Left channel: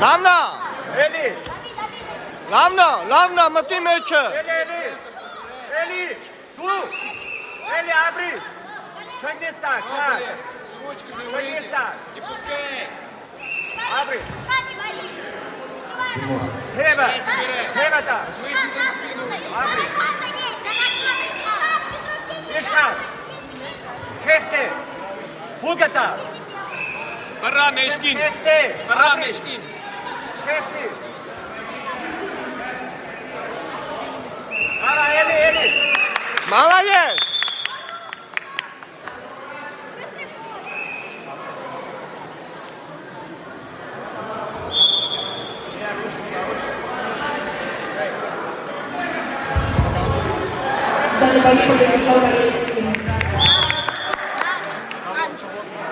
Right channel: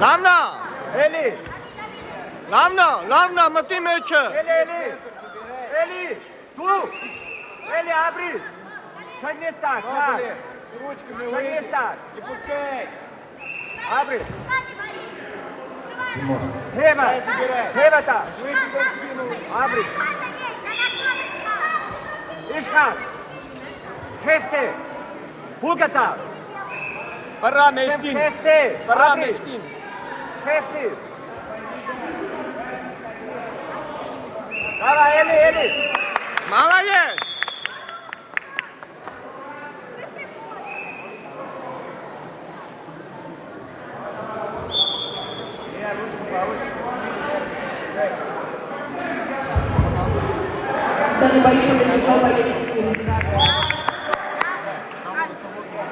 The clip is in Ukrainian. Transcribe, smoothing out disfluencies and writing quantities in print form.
Равна! Eli! Равна, мати меча! Eli! Tu! Eli, abri! Чек не став! З ручки не вийде. Не пускай. Abri! Гева! Гева та! Швидше до спину. Abri! Ишхан! Хефте! Хугата! Пора мешкин. Хефте! Пора мешкин. Хефте! Ала, Eli! Молодец! Dan bayi pemilik kau